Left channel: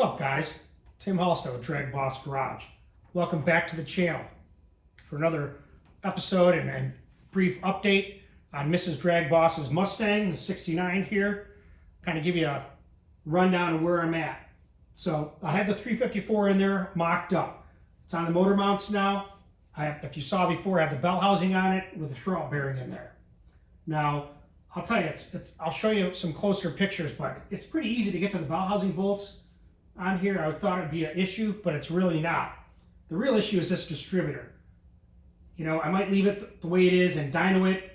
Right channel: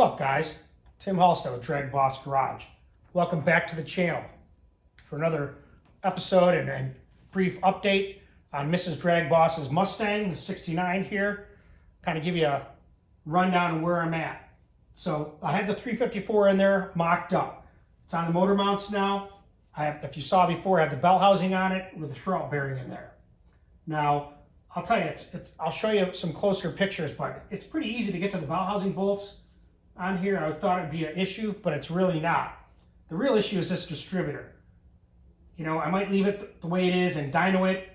What's up, guys? Tim Halstead with DragBoss Garage. Welcome back to the channel for another episode and brief update on Mrs. DragBoss's Mustang, the 69 here. Kind of give you a rundown of where I'm at. So I have the 354 in there mocked up. It's on the motor mounts now. If you saw before, I have the bell housing on it with the throat bearing in there. Now, I'll tell you, I'll show you some closer pictures, but it's pretty easy to get to the bell housing bolts on here. I thought it'd be an issue, but it's really not. The real issue is this distributor. You know, I might leave it the way it is and dyno it,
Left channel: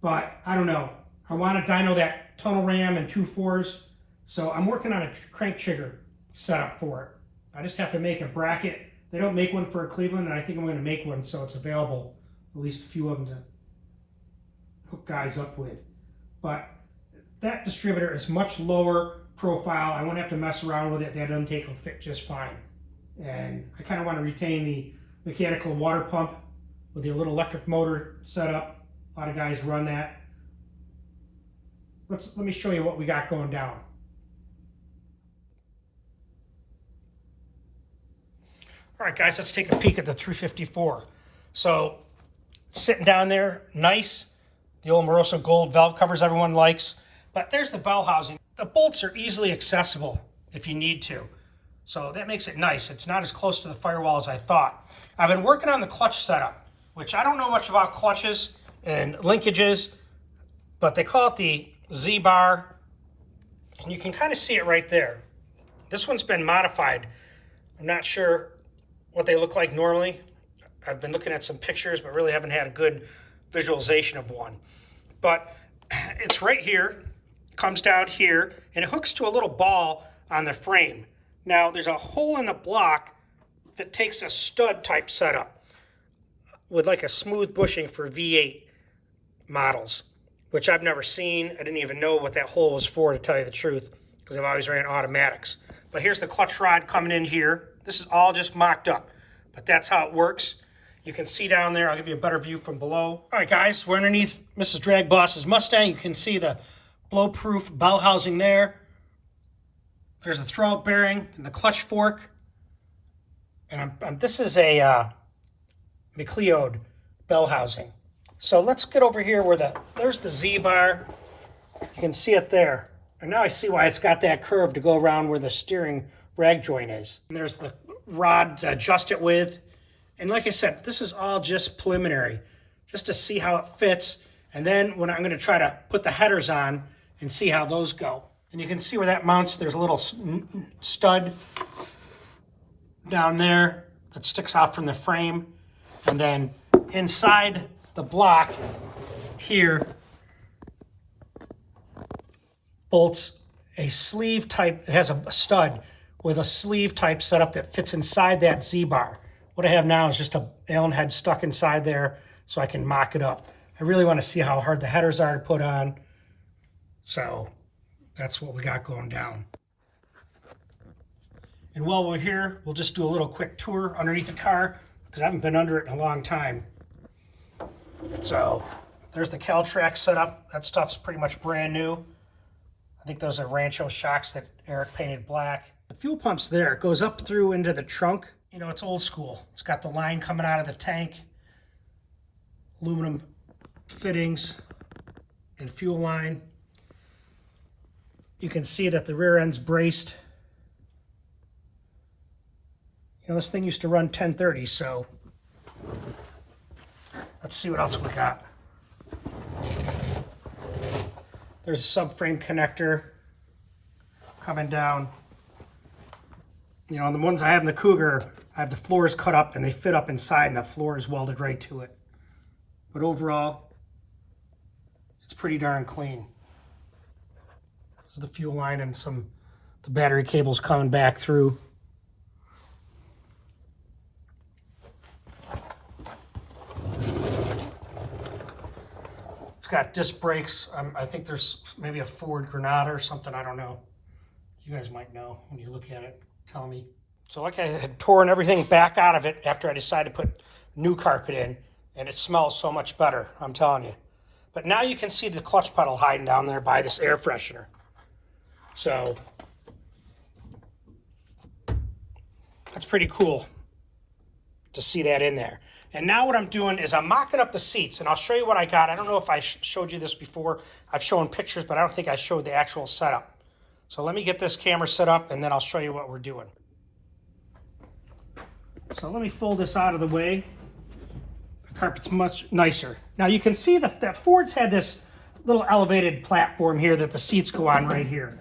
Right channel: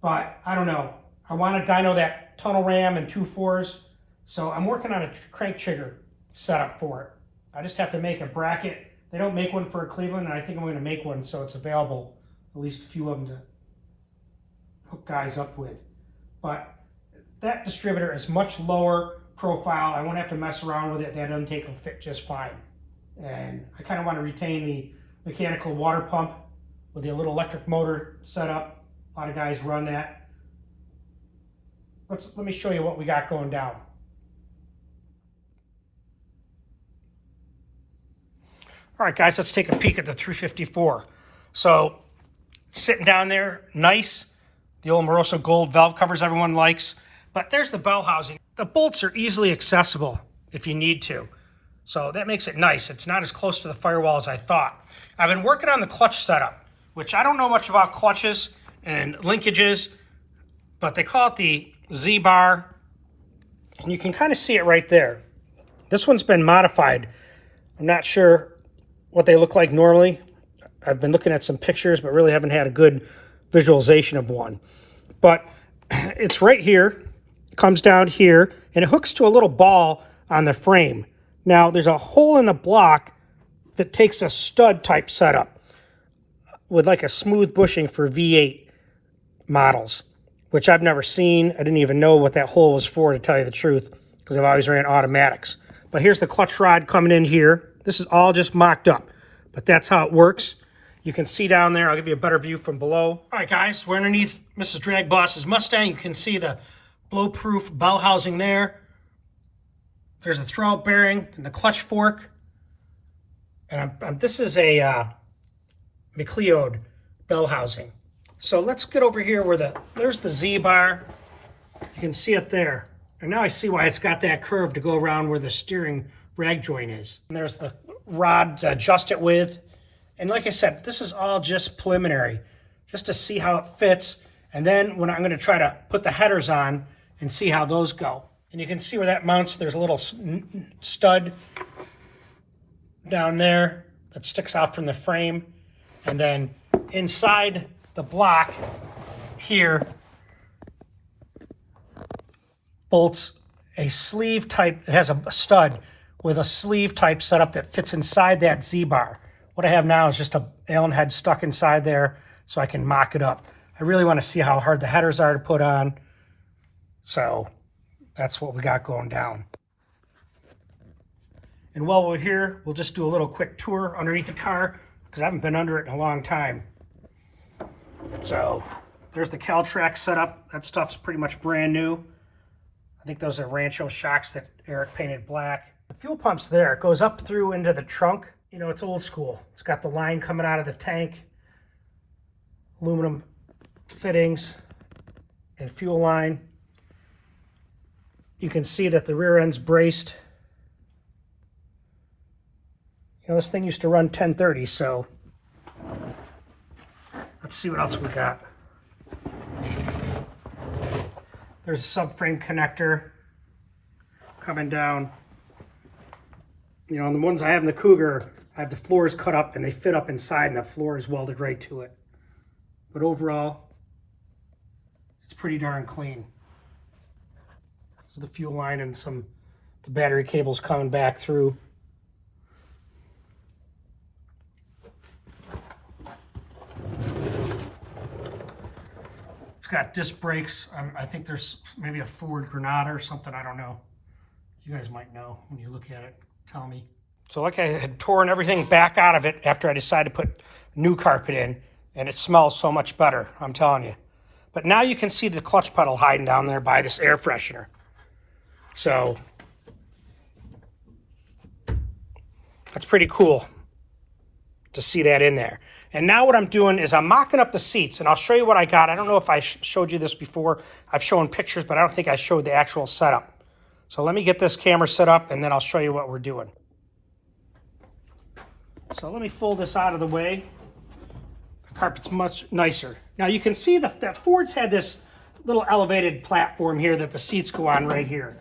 but I don't know. I want to dyno that tunnel ram and 2.4s, so I'm working on a crank trigger setup for it. I just have to make a bracket. They don't make one for Cleveland, and I think I'm going to make one so it's available, at least a few of them to hook guys up with. But that distributor is much lower profile. I won't have to mess around with it. That intake will fit just fine. And I kind of want to retain the mechanical water pump with the little electric motor setup. A lot of guys run that. Let me show you what we got going down. All right, guys, let's take a peek at the 354. So, sitting down there, nice. The old Moroso gold valve covers everyone likes. But there's the bell housing. The bolts are easily accessible if you need to. So that makes it nice. It's not as close to the firewall as I thought. I've been working on the clutch setup, which I don't know much about clutches and linkages, but they call it the Z-bar. And you can kind of see it right there. This one's been modified. I'm not sure what they look like normally. I've been looking at some pictures, but really haven't had a good visualization of one. But it's right here, comes down here, and it hooks to a little ball on the frame. Now, there's a hole in the block that takes a stud type setup with like a smooth bushing for V8 models, which I've never seen. I didn't even know what that hole was for, to tell you the truth, because I've always ran automatics. But here's the clutch rod coming in here. This is all just mocked up, but that's how it works. You can see down there. I'll give you a better view from below. All right, guys, we're underneath Mrs. DragBoss's Mustang. You can see the blow-proof bell housing there. There's a throwout bearing and the clutch fork. And this is a McLeod bell housing. So let's get over here where there's the Z-bar. You can see it there. And now I see why it's got that curve to go around where the steering rag joint is. And there's the rod to adjust it with. And like I said, this is all just preliminary, just to see how it fits. And then when I'm going to try to put the headers on and see how those go. And you can see where that mounts. There's a little stud down there that sticks out from the frame. And then inside the block here bolts a sleeve type. It has a stud with a sleeve type setup that fits inside that Z-bar. What I have now is just a Allen head stuck inside there so I can mock it up. I really want to see how hard the headers are to put on. So that's what we got going down. And while we're here, we'll just do a little quick tour underneath the car because I haven't been under it in a long time. So there's the Caltrack setup. That stuff's pretty much brand new. I think those are Rancho shocks that Eric painted black. The fuel pump's there. It goes up through into the trunk. You know, it's old school. It's got the line coming out of the tank, aluminum fittings, and fuel line. You can see that the rear end's braced. You know, this thing used to run 1030, so let's see what else we got. There's a subframe connector coming down. You know, on the ones I have in the Cougar, I have the floors cut up and they fit up inside and the floor is welded right to it. But overall, it's pretty darn clean. There's the fuel line and the battery cables coming back through. It's got disc brakes. I think there's maybe a Ford Granada or something. I don't know. You guys might know when you look at it. Tell me. So like I had torn everything back out of it after I decided to put new carpet in, and it smells so much better, I'm telling you. But now you can see the clutch pedal hiding down there by this air freshener. So That's pretty cool to see that in there. And now what I'm doing is I'm mocking up the seats, and I'll show you what I got. I don't know if I showed you this before. I've shown pictures, but I don't think I showed the actual setup. So let me get this camera set up, and then I'll show you what we're doing. So let me fold this out of the way. The carpet's much nicer. Now you can see that Ford's had this little elevated platform here that the seats go on right here.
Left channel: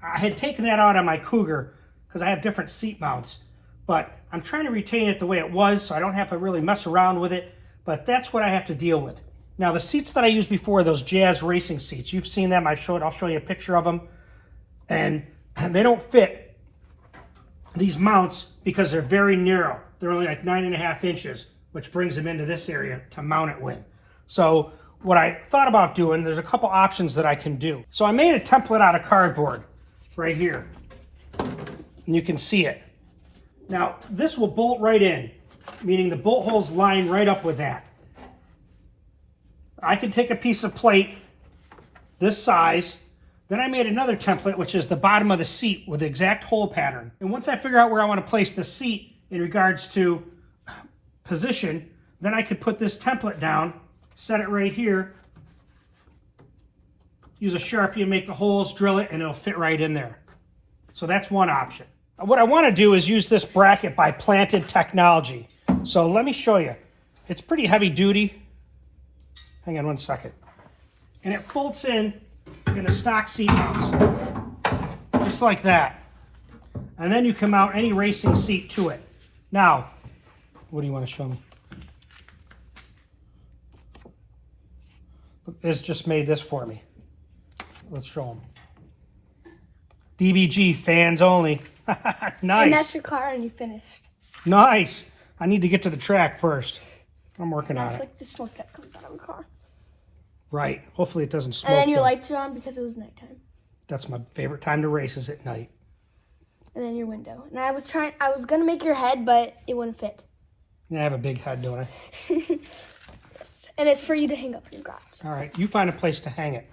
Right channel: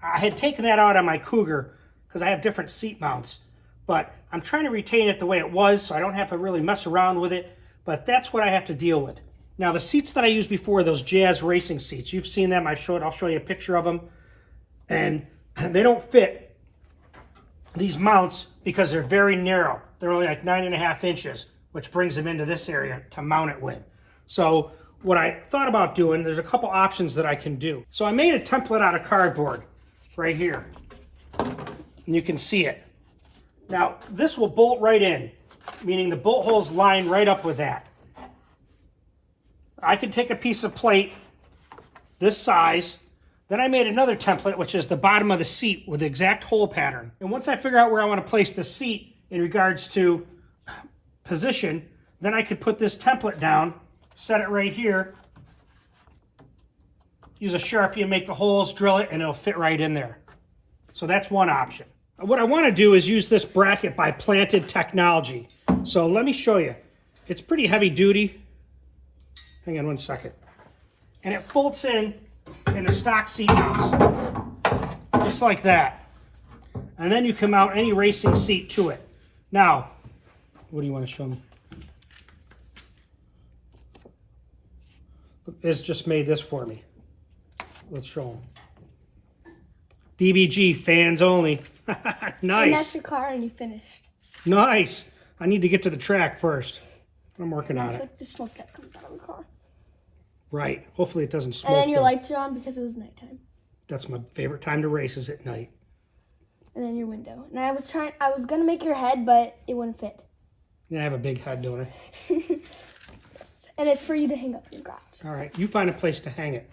I had taken that out on my Cougar because I have different seat mounts, but I'm trying to retain it the way it was so I don't have to really mess around with it, but that's what I have to deal with. Now the seats that I used before, those Jazz racing seats, you've seen them, I'll show you a picture of them, and they don't fit these mounts because they're very narrow. They're only like 9.5 inches, which brings them into this area to mount it with. So what I thought about doing, there's a couple options that I can do. So I made a template out of cardboard right here, and you can see it. Now this will bolt right in, meaning the bolt holes line right up with that. I could take a piece of plate this size. Then I made another template, which is the bottom of the seat with the exact hole pattern. And once I figure out where I want to place the seat in regards to position, then I could put this template down, set it right here, use a Sharpie and make the holes, drill it, and it'll fit right in there. So that's one option. What I want to do is use this bracket by Planted Technology. So let me show you. It's pretty heavy duty. Hang on one second. And it bolts in the stock seat mounts, just like that. And then you can mount any racing seat to it. Now, what do you want to show me? It's just made this for me. Let's show them. DBG, fans only. Nice. And that's your car and you finished. Nice. I need to get to the track first. I'm working on it. Like the smoke that comes out of the car. Right. Hopefully it doesn't smoke. And then your though. lights are on because it was nighttime. That's my favorite time to race, is at night. And then your window. And I was gonna make your head, but it wouldn't fit. Yeah, I have a big head, don't I? Yes. And it's for you to hang up in your garage. All right, you find a place to hang it,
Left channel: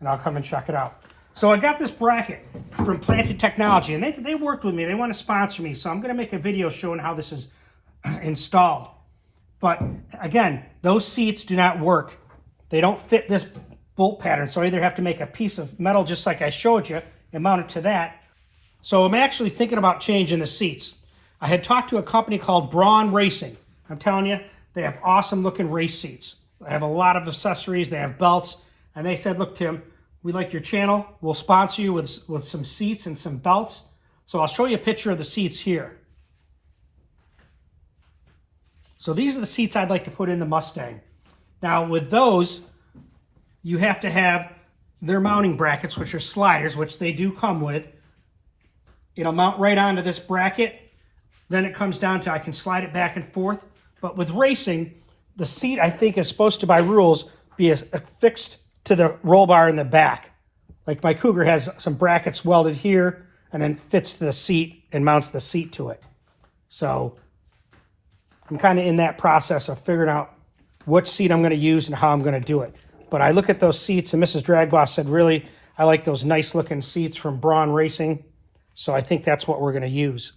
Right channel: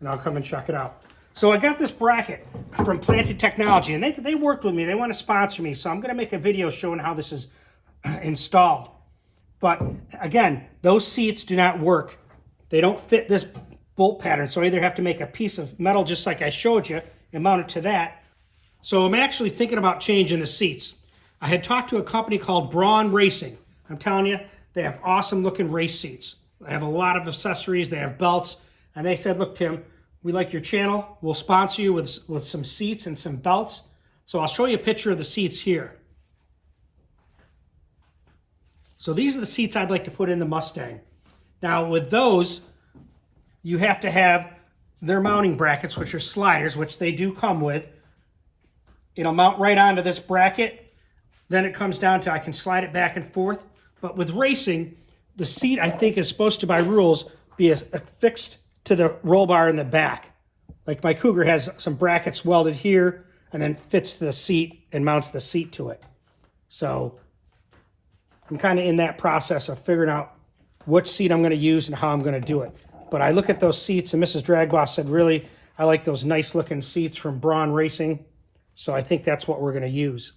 and I'll come and check it out. So I got this bracket from Planted Technology, and they worked with me. They want to sponsor me, so I'm going to make a video showing how this is installed. But again, those seats do not work. They don't fit this bolt pattern, so I either have to make a piece of metal just like I showed you and mount it to that. So I'm actually thinking about changing the seats. I had talked to a company called Braun Racing. I'm telling you, they have awesome looking race seats. They have a lot of accessories, they have belts, and they said, look, Tim, we like your channel. We'll sponsor you with some seats and some belts. So I'll show you a picture of the seats here. So these are the seats I'd like to put in the Mustang. Now with those, you have to have their mounting brackets, which are sliders, which they do come with. It'll mount right onto this bracket. Then it comes down to, I can slide it back and forth. But with racing, the seat, I think, is supposed to, by rules, be affixed to the roll bar in the back. Like my Cougar has some brackets welded here and then fits the seat and mounts the seat to it. So I'm kind of in that process of figuring out which seat I'm going to use and how I'm going to do it. But I look at those seats, and Mrs. DragBoss said, really, I like those nice looking seats from Braun Racing. So I think that's what we're going to use.